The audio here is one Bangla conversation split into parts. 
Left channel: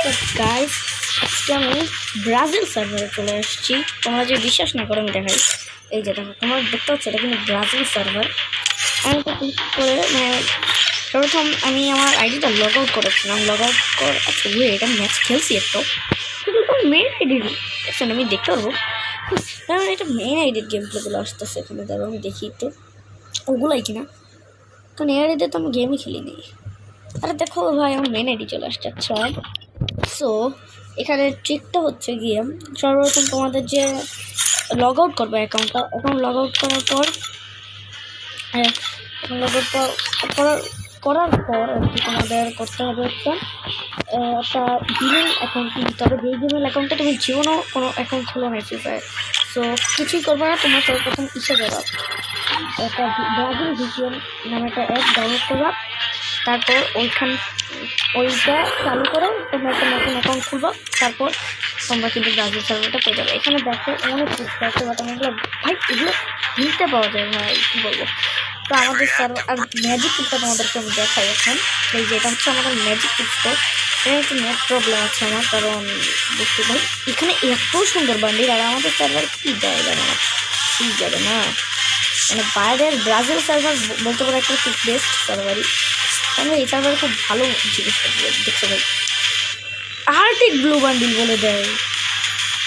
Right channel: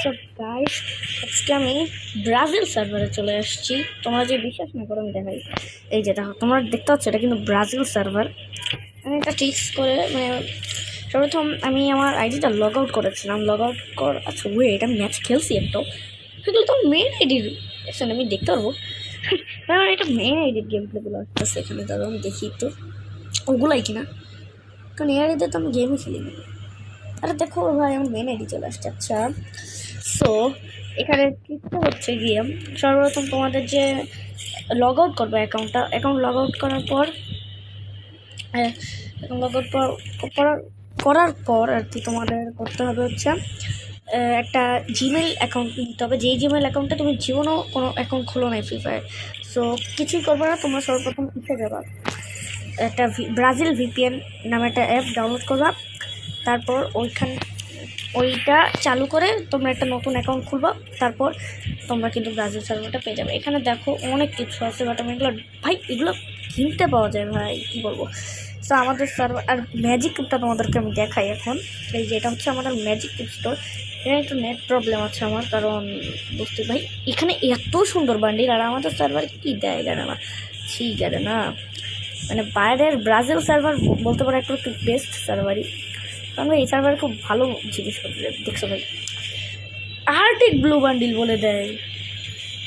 হোয়াটসঅ্যাপ গাইস, আজকে আমি ব্রাজিল সার্ভারে চলে আসছি। তোমরা যে বিশ্বাস না করো আমি দেখাই। এই যে দেখো, তোমরা দেখতে পাচ্ছ এটা কিন্তু ব্রাজিল সার্ভার। আমি এটা টিক্স করে সর্বপ্রথম আমি আমার আইডিটা লগ আউট করেছিলাম। লগ আউট কর আচ্ছা এটা ম্যাচ খেলছি একটু, সেগুলো তো মেন আইডির আমি দেখতে পারবো। এটা মেন আইডির গেম প্লেগুলো আসতেছে এখানে, ধরো আমি দেখি একটু ওগুলাই কিনা, কারণ এই আইডিতে তো আমি গেমই খেলিনি। আরে দেখো ভাই, আমার মেন আইডি চলে আসছে। আচ্ছা, সো এখানে ট্রিকটা হচ্ছে গিয়ে সর্বপ্রথম তোমাদের যে লগ আউট করবে অ্যাকাউন্ট লগ আউট করার পর লগ আউট করার পর আর কি তোমাদের করতে হবে হচ্ছে একটা জিমেল অ্যাকাউন্ট নিতে হবে। যেই জিমেল অ্যাকাউন্টে তুমি জীবনও কোনো অ্যাকাউন্ট খোলো না ফ্রি ফায়ার, সো কিছুই করবে না। তোমরা সর্বপ্রথম যাবা, একটা ব্রাজিল ভিপিএন নামে একটা অ্যাপ ডাউনলোড করবা। তারপর ওইটা চালু করে তোমরা একটা নতুন অ্যাকাউন্ট খুলবা। তারপর তোমরা কিন্তু ব্রাজিল সার্ভারটা পেয়ে যাবে। এখানে দেখো অনেক কিছু আছে, বাট আমি এগুলো ভাই এগুলো কিনতে পাওয়া যায় ভাই, কী বলবো। তো আমাদের সার্ভার আর ম্যাজিক কিটটা তোমাদেরকে আমি দেখাই এখন। এই যে এটা হচ্ছে আমাদের ম্যাজিক কিটটা। এখানে একটু নেট প্রবলেম আছে আমার, কারণ বুঝতে ভাই এখানে এত সুন্দর বান্ডিল, আর আমাদের সার্ভার কী দেয় জানে না, কী যাবে না, মানে বাইরের ব্রাজিল সার্ভার বলতে পারো একটা খুব বেস্ট সার্ভারই। কারণ এই সার্ভারে খুব ভালো জিনিস দেখছো ভাই, আর্টিক ব্লু বান্ডিল বলে দেয়।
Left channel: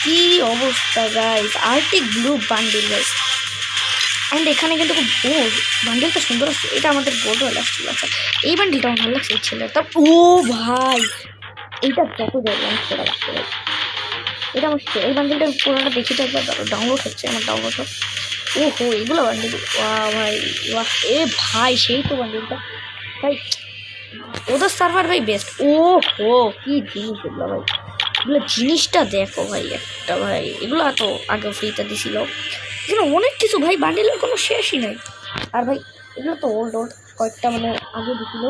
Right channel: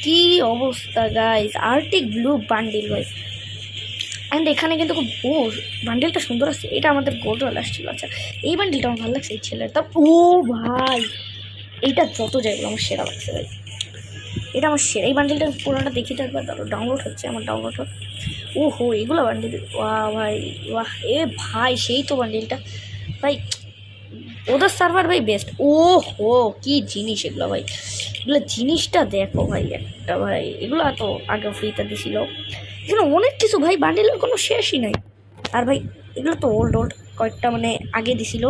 কি অবস্থা guys, Arctic blue bundle guys. And এখানে কিন্তু খুব বান্ডিলটা সুন্দর আছে। এটা আমাদের গোল্ড ওয়াল আসছিল। আচ্ছা, এই বান্ডিলটা আমার ভালো লাগছে এই ছেলের। তা ভাই এইটা যত যাবে আমার সেরা লাগছে ভাই, এটা আমার সেরা। এই বান্ডিলটা পুরোটা দেখি তো একবার, ডাউনলোড হচ্ছে আমার, ডাউনলোড হোক। এগুলো বান্ডিল, ভাই এ ভাই সেই তো বান্ডিলটা ভাই, ওদের সার্ভার ভাই বেস্ট। কি জিনিস এগুলো ভাই, এগুলো জিনিসটা দেখো ভাই একটা ভাই, এগুলো এত আগে ফ্রিতে দিছিল। এখানে অনেক কিছু ভাই, বান্ডিলের কোনো শেষই নাই। আর ভাই এগুলো তো ওল্ড কয়েকটা মানে আগে দিছিল।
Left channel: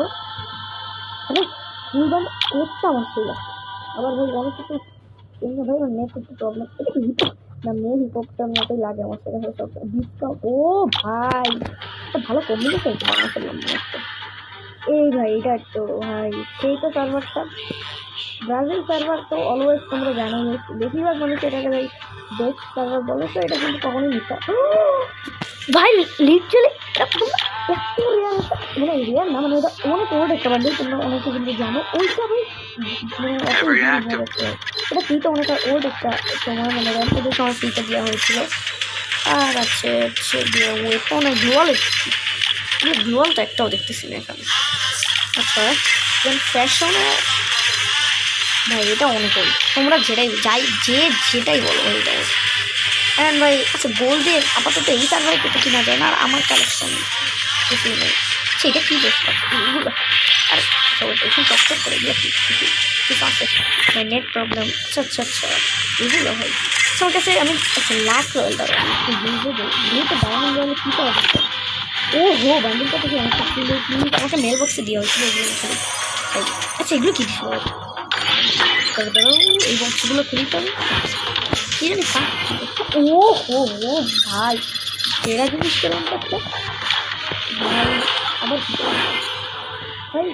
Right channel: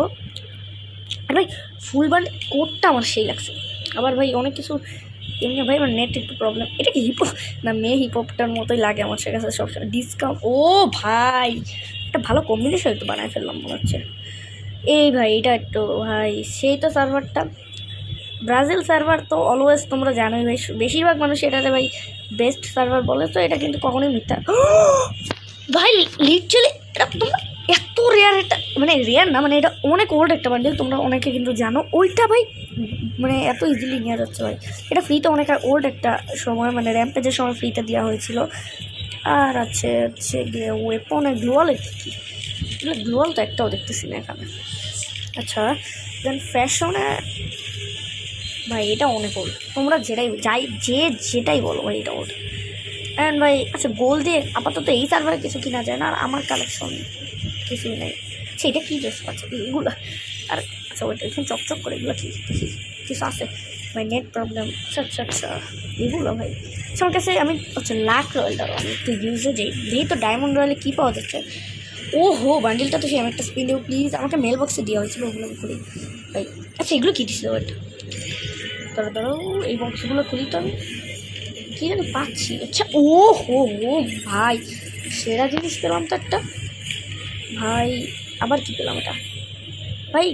আর ভাই ফুল বান্ড কোডটা আমার সেই লাগছে। আবার ভাই অনেক কিছু এমনি ভাই আমার নেট একটু প্রবলেম। এটা কি হিপহপ না, মেয়ে হিপহপটার মতোই লাগে আমার কাছে সবসময়। ডিসকাউন্ট ভাই একটা ভালো কম্বিনেশন একটু বানাই ফেললাম মনে হচ্ছে। এই ভাই এটা একটু ভাই সেই তো সার্ভারটা ব্রাজিল সার্ভার তো অলওয়েজ তোমরা জানোই ভাই, বেশিরভাগ মানুষ এটাতে ভাই বেস্ট সার্ভার বলে। তো এটা কিন্তু কখনোই মিথ্যা ভাই। লিটারালি এটা তোমরা এত রেয়ার, এটা মানে রেয়ার না, মানে এটা অনেক ওল্ড একটা বান্ডিল, তোমরা অনেকে কিন্তু জানো। ওইটা ভাই মানে এত ইজিলি নেওয়া যাচ্ছে ভাই। এটা ফ্রিতে অনেক ওল্ড একটা সময়, মানে র্যাম্পেজের সময় ফ্রিতে দেওয়া হয়েছিল। আর আছে হচ্ছে গিয়ে ওয়েপন আর গ্লোয়াল তো একটাও দেখতেছি না এখানে। আচ্ছা, দেন ফ্যাশনে ভাই এটা অনেক ওই, তোমরা যেটাই বলো ভাই এটা ওই। অ্যান্ড ভাই আচ্ছা, গোল্ডে আপাতত এই সার্ভারে কিছু কিনা যায় না, আর আমার কালেকশন কিছুই নেই। সেটা কী বেশ পাচ্ছে এগুলো, আর সবাই এখন চকচক করে এগুলো কিছু আছে ভাই, নেট প্রবলেম। আচ্ছা এগুলো ভাই আমার কাছে আমি লাক রয়েল দ্বারা আমি একটু ইউজে যাই, যেহেতু ডায়মন্ড রয়েলে কী পাওয়া যাচ্ছে। বান্ডিলটা তো সে অনেকটা স্পিন দেবো প্লিজ, আমাকে মেল বক্সে দেওয়া হয়েছিল ওগুলো ভাই। আচ্ছা এগুলো কী দিছিল দাঁড়াও, এই বক্সগুলো খুলি তো আমি কী জানি পাচ্ছি। আচ্ছা ভাই সেরা জিনিস পেলাম তো একটা ভাই। আবার কী পেলাম ভাই,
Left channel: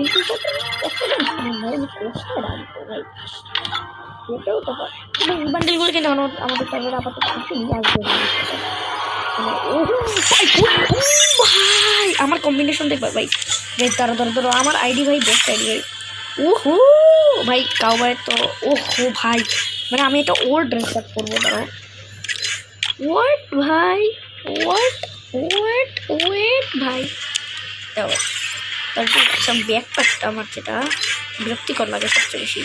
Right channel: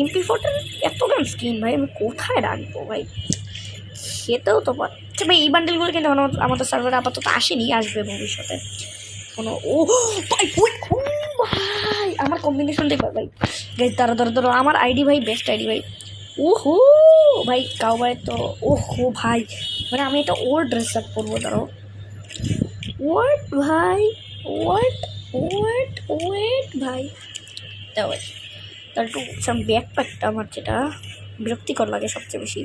এন্ট্রি কোডটা এত দাম স্ক্রিন ভাই, আমি কোথায় রাখবো ভাই, সেটাও তো ভাই। এই বান্ডেলগুলো কিন্তু আমাদের সার্ভারে আপাতত আসেনি, আসবে ভবিষ্যতে। ভাই আমার কম্বিনেশন দেখবে ভাই, ধরো আমার আইডি ভাই বেস্ট আইডি ভাই। ভাই কাউবাই তো ভাই, মানে আমি এটা ওল্ড ড্রেস আপ করবো। ধরো ওয়েট ভাই, ওয়েট ভাই, তারপর ব্যাকপ্যাকটা আমার যেটা বিরক্তিকর লাগে সবচেয়ে বেশি।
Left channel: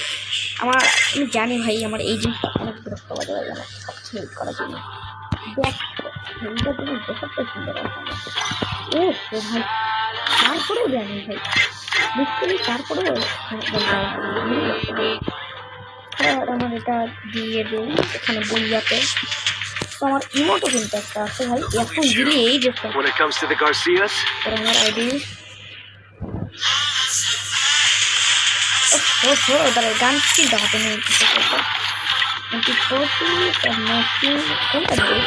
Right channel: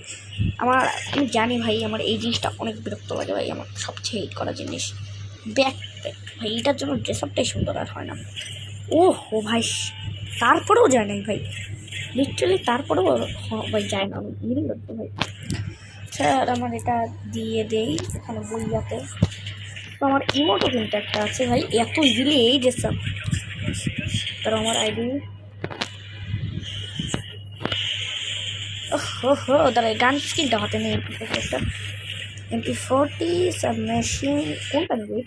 আমি জানি ভাই আমার এই জিনিসটা অনেক বিরক্ত লাগে ভাই, আমার সবচেয়ে হেট করা জিনিস ব্যাকপ্যাক ভাই। এটার জন্য ড্রেস আপটাই সুন্দর আর হয় না। ভাই তারপরেও যায় নাই ভাই, লিটারালি তারপরেও যায় না ভাই। স্যার আমার এটা দিয়ে দেই এখানে বইয়াতে। তো আমার ইমোটো কিন্তু একটা আছে ভাই, এত ইজিলি এই ড্রেস তার আমার আইডি। দাঁড়া গান স্কিলটা হাতে নিয়ে MP40 সাবমেশিন কোনটা নেবে,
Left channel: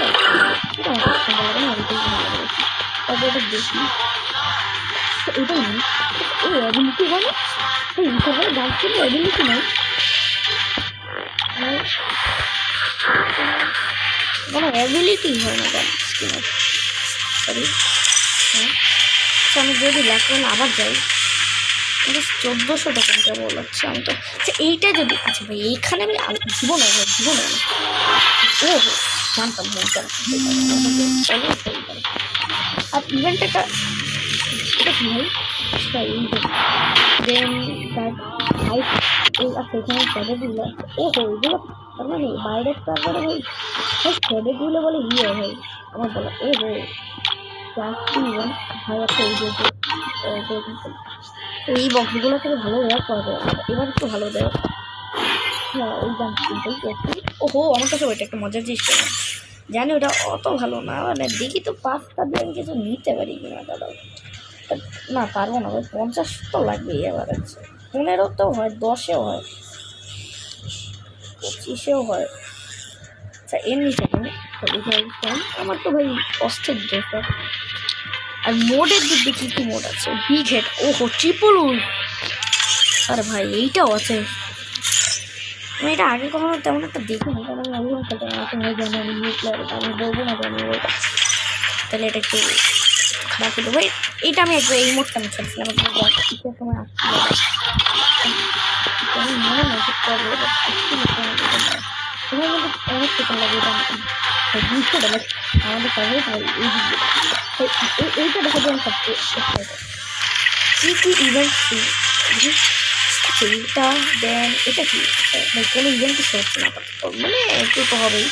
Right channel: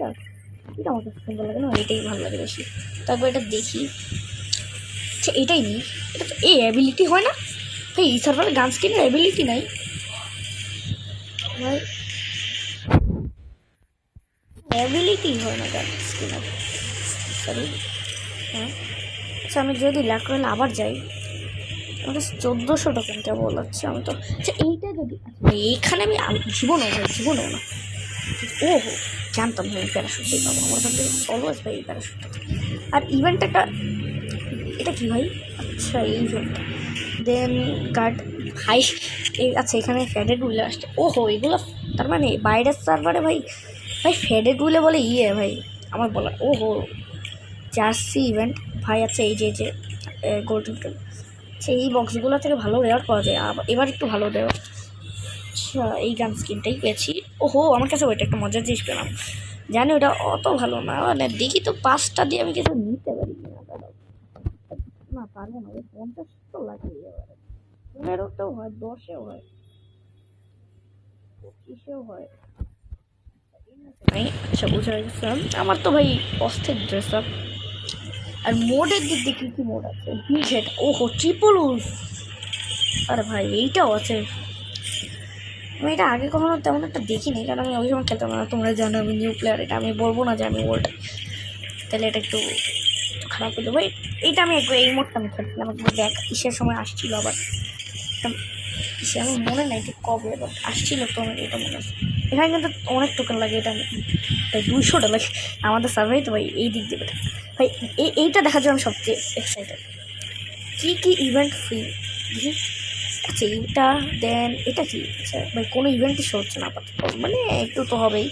এটা আমার সুন্দর লাগে না, ওইটাই ভালো লাগে বেশি। তারপর এটা দেখি, আচ্ছা এটাই নিই। এই অ্যাবিলিটি হয় না, এই সার্ভারে গান স্কিলের অ্যাবিলিটি নাই। কোনো অ্যাবিলিটি হয় না তার স্কিনের, সরি। হ্যাঁ আচ্ছা, আমি যদি ল্যাক রয়্যাল আবার যাই, আমাকে 1400 টোকেন কেবল হচ্ছে। আমি তো আচ্ছা এইটা যদি, আচ্ছা ভাই এইখানে আমি জীবনে ভাই জীবনে না, ও জানতাম ভাই এটা আমার মধ্যে অলওয়েজ ভাই এটা। আর ইভেন্ট এটা কি ভাই? আচ্ছা এই দেন গার্ড হাই এই, আচ্ছা এখানে ফ্যাডেড উইলে আসছে। ওহো এগুলো তার মানে বাইরের সার্ভারে ভাই ভাই ফ্যাডেড উইলে বলে ইয়ে ভাই আমার বলা। ওহো জার্সি ইভেন্ট ভাই। আচ্ছা এই যে গোল্ডেন টেল, আচ্ছা এই বক্সগুলো থেকে ভালো রেয়ার পাওয়া যায়। এবার একটু ভালো দেওয়া। আচ্ছা এই গান স্কিনটাই পেয়েছি। ওহো আমার কাছে ওইটা একটা মজার জিনিস পেলাম, জানি ওটা অত ভালো না, মানে দেখি তো 5টা দিয়ে আমি কিছু নিতে পারি কিনা দাদা। না পারবো না ভাই, 50 তো লাগবেই। এবার আছে 15তেও হয়, 10এও হয়, 25এও হয়। আচ্ছা এর নিচে নেই। আচ্ছা বুঝে ফোন আমার তো ভাই অস্থির ড্রেস আপ। আর মোডের দিক দিয়ে কী মোড আছে? বিগ হেড, ওহো ট্রিপল উলফ, আরে ভাই এইটাও আছে। আমি এটা আগে কখনো তেমন একটা দেখিনি, কারণ আমি ওই সময় খেলতাম না। তোমরা জানো আমি নিউ প্লেয়ার, এটা আমি বলবো না জানি ওই, তাহলে এটা একটু খারাপ হতো ভাই। এটা আমি একবার এই মোডটা আমি খেলছিলাম কিসের সময় আসছিল, আমি মনে নেই যে কবে আসছিল। এখানে কিন্তু অনেক টোকেন লাগে, এটা 200 লাগে আমাদের সার্ভে তো ভাই। এই দিক দিয়ে ভাই এইটা দেখার জন্য সবচেয়ে এক্সাইটেড। কী ইভেন্ট ফ্রি আচ্ছা এইটা, দেন এটা কি ভাই? কোনো ইভেন্টই হচ্ছে না আপাতত, মানে একটু তো হবেই,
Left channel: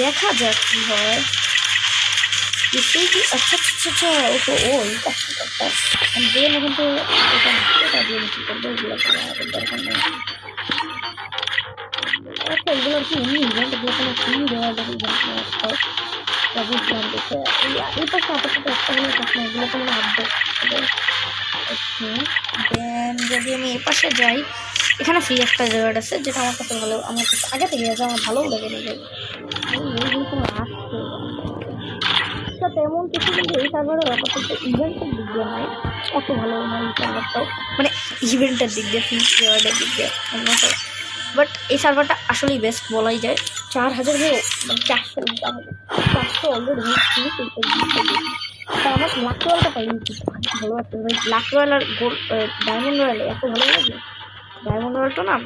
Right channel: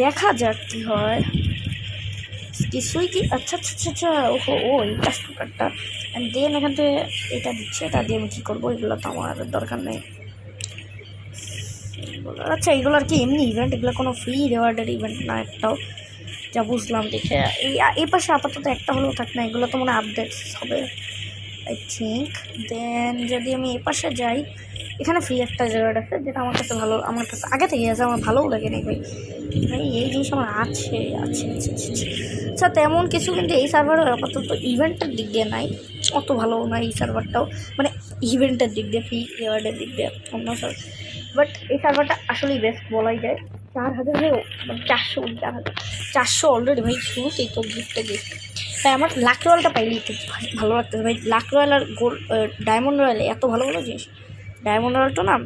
দেখা যাক কী হয়। কিছুই কি আচ্ছা আচ্ছা আচ্ছা ওহো ও এইটা স্পিকারটা দেন ওখান থেকে এটা দিচ্ছে, এটা দিয়ে আমি কী করবো? এগুলো তো আমার দরকার নেই। আচ্ছা এগুলো আর কি এমনি ইভেন্ট, এগুলো কোনো ফ্রি রিওয়ার্ডের ইভেন্ট না একটাও, যা বুঝলাম দেখে। এই পাশে আপাতত একটা হলে থাক না, এগুলো তো মানে আপডেট হবে আই থিঙ্ক। দেন যদি আমি এ পাশে যাই, এখানে ফ্রি একটা রিওয়ার্ড আছে যেটা আমার কাছে ভালো, আমার কাছে আগে থেকে আছে, আমার ভালোও লাগে না ভাই। এই জিনিস আমার আছে আছে আচ্ছা তেমন কিছু কিন্তু এই সার্ভারে আপাতত ইভেন্টের দিক দিয়ে নাই, অত ভালো না এই সার্ভারটাও, মানে ইভেন্টের দিক দিয়ে ফ্রি রিওয়ার্ডের দিক দিয়ে অন্য। বাট এই সার্ভারটা আসলেই বেস্ট বলাই যায়। 4000 হয়েও মানে 400 অলরেডি ভাই, তুমি এই তো বুঝতে বুঝতে তাই আমার লাক রয়্যালটা পাইলে একটু ভালো লাগতেছে ভাই। লাক রয়্যাল আর গোল্ড ডায়মন্ড রয়্যালে এত ভালো লাগে জিনিস। ডায়মন্ড রয়্যালটা না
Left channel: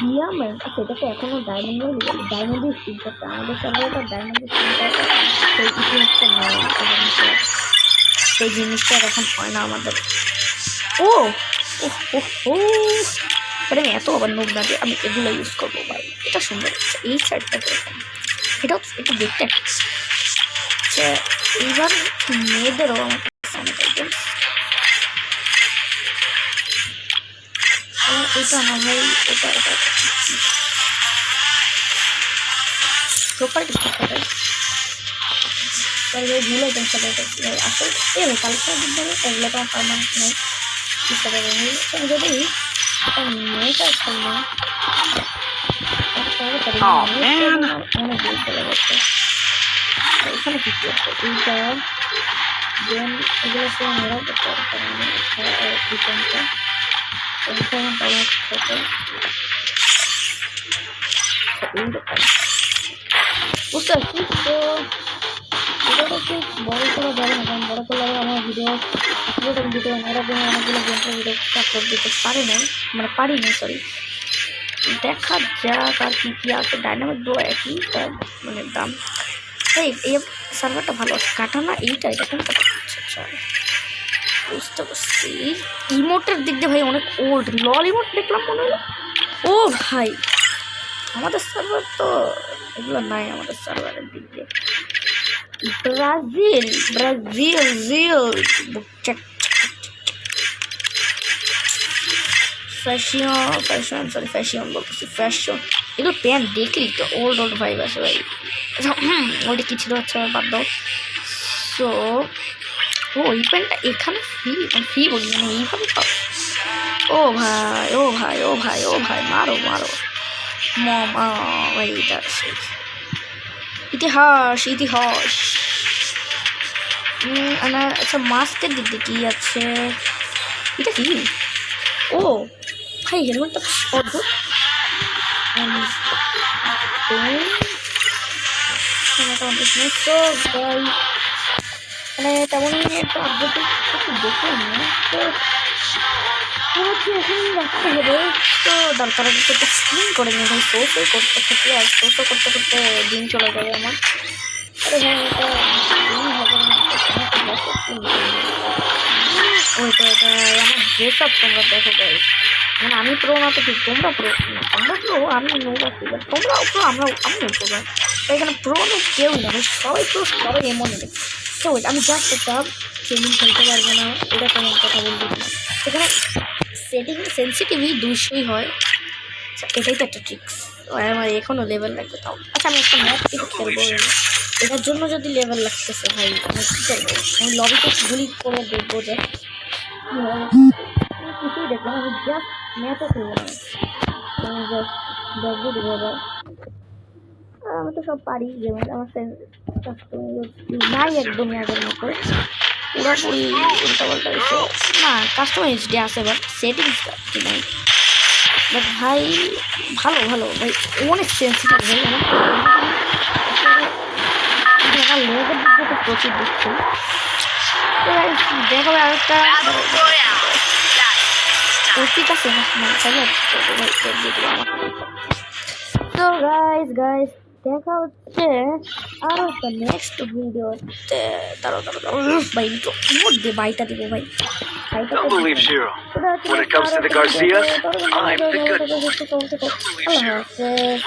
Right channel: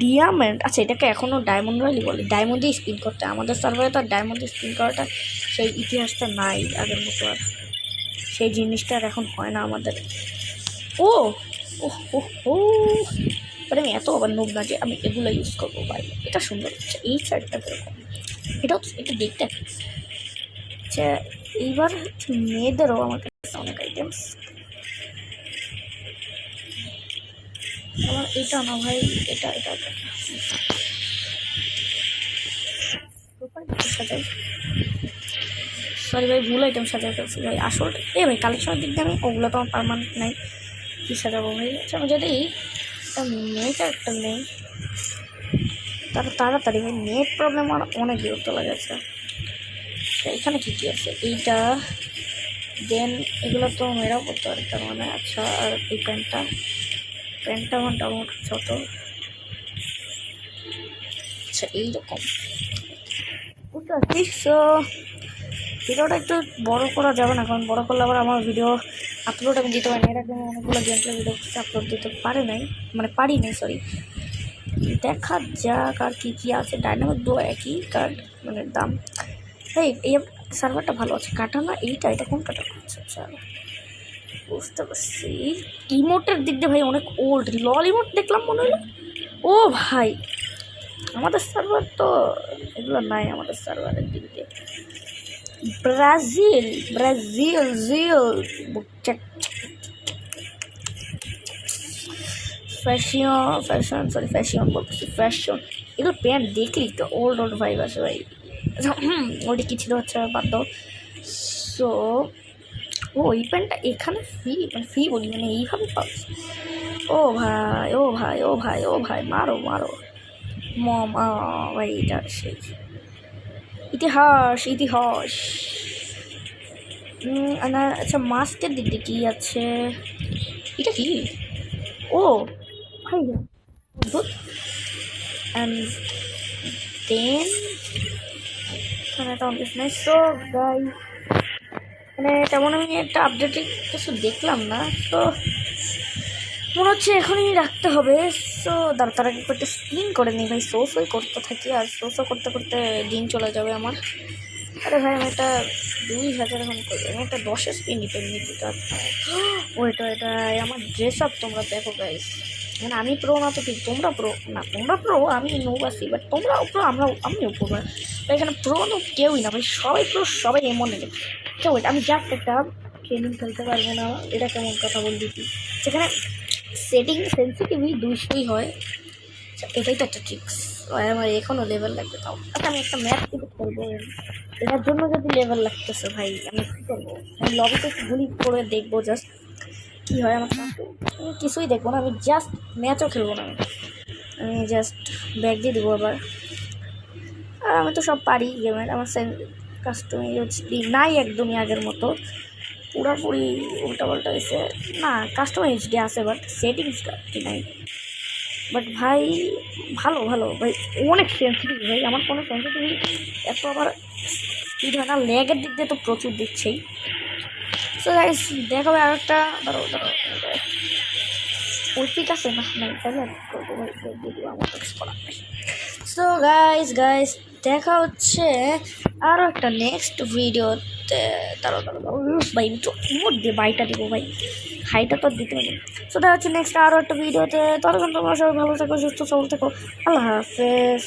ডিয়ামেন্ট, আচ্ছা এটাকে এখনও ডায়মন্ড রয়্যালই বলে, ডায়মন্ডেই স্পিন করতে। আমাদের সার্ভারে তো ডায়মন্ডে স্পিন করাটা সেই ইতিহাসটা নাই, তাদের মতো সেই জিনিসটা আর এখন হয় না আমাদের। ও ও ও আমি এত আবার নোব না যে আমি এগুলো ইউজ করবো ভাই। এটা সুন্দর, এই শার্টটা এটাও এটা দেখতে আচ্ছা। এইবার মেয়েদেরও আমার কাছে অনেক আইটেম, আমার এটা না ভাই, এটা এটা প্রোফাইলটা সাথে সরি ভাই ভুল আইটেম সাথে ভাই আসল এ ভাই কালেকশনের দিক দিয়ে ওগুলো তো আমার পারমানেন্ট নাই, কী সাথে ভাই। আমি যদি মেয়েটা করলাম তাড়াতাড়ি মেয়ের প্রবলেম আমার অনেক বিরক্ত লাগাচ্ছে। তো এখানে কী কী আছে? এইটা দেন এগুলো তো মেয়েরাও করতে পারতে মানে। আচ্ছা আর এই পেনটা আমার আমার সাথে আচ্ছা এই দোকান বুঝতে পারছি। তো ভিডিওটা একটু বড়ো করা যাবে না, কারণ বড়ো করলে আবার আমার ভিডিও আপলোড আমি দিতে পারি না। এরকম অনেকগুলো গেমপ্লে ভিডিও আপলোড দিতে পারি নাই সরি। দেখা যাক আর কী কী আছে। ডাইনামিক ডো একই তার মানে দাম ভাই। এই সার্ভারটা ভালো আছে। কাটানা এটা কোন কাটা? আচ্ছা বুঝতে পারছি। ইমোটের দিক দিয়ে ভাই অনেক ওল্ড লল ইমোট দেখলাম মনে হলো। ও ভাই আমাদের সার্ভার তো এগুলো নাই আমাদের সার্ভারের দিক দিয়ে। ব্রাজিল ফ্যাশন বলতেছি ফ্যাশন। এগুলো প্যান্ট দেখলি তো ওল্ড ভাইব আছে ভাই। ওটা কি ছিল? আচ্ছা বাদ দাও। সো ওই প্যান্টটা এখানে ফ্রি বলি মানে এইভাবে পাও। ও ভাই মারো ভাই। এটা ইতিহাস আচ্ছা মাস্কের দিক দিয়ে কী আছে? এটা কি? ও ভাই হেলমেটটা অদ্ভুত। and then account is nice. তো গাইস মানে তেমন আমি একটা আপডেট কিছু দেখলাম না, তো মনে হচ্ছে এখানেই রাখতে হবে। তো দরকার আগে করতে স্পিন করে নিই ভাই, সোসই করতে থাকি আর সোসো করতে করতে দিন চলে যাবে আমার। আরে ভাই এটা 2000 আমি তো 10 স্পিন করি। ওই তো এটা আমার ড্রেস আপ তোমরা দেখো গাইস, মানে আমি প্রো না তো ঠিক, তোমরা প্রো না, তোমরা প্রো আমি নো আছি, বাট তোমরাও প্রো আমিও প্রো ভাই। তো এখানে প্রো নো কেউই না ভাই, সবাই প্রো, সবাই এমন নেবে। তো ওইটা আমি জাস্ট একটা গেমিং খেলতে পারবো না, এটা কেমন কথা বলবি তুই। সেখানে সেটিং সেন্সিটিভই 200ই হয়, এটাই তো একটা ট্রিক্স। আমার এখনও লেভেল লাগবে তাও। আচ্ছা আমি একটা ম্যাচ কিন্তু খেলবো, এটার জন্য যদি লেভেল লাগতেছে ভাই আমি কী করবো, আমি লবিতে গুলি করে দেখবো জাস্ট কী হয়। আমি কিছুই দেখবো না, আমি জাস্ট ম্যাচও খেলবো না, আমি জাস্ট ব্যাগ দিয়ে দেবো আবার। আর আমি তো সব পারি গেমের, আমার কাস্টমাইজ নাই একদমই আগের মতো, পুরোপুরি উল্টাপাল্টা হয়েছে। না কাস্টমাইজ ডে আছে, বাট সেটিংসটা কি নাই। বাট ভাই ভালো ভালো ভাই, অনেক সেন্সিটিভ ভাই আমার একটা লেগের দিক দিয়ে তো প্রচুর দিচ্ছেই। তো গাইস দেখা হবে আর একটা ঠিক আছে না সো গাইস দেখা হচ্ছে আরও একটা নেক্সট ভিডিওতে। তারও ভাই একটু মোট দিয়ে বাইটা দিব ভাই, হাইটা তো সেটা হচ্ছে নেক্সট আরও একটা ভিডিওতে। তার জন্য ভালো থাকো, সুস্থ সবল থাকো, আল্লাহ হাফেজ।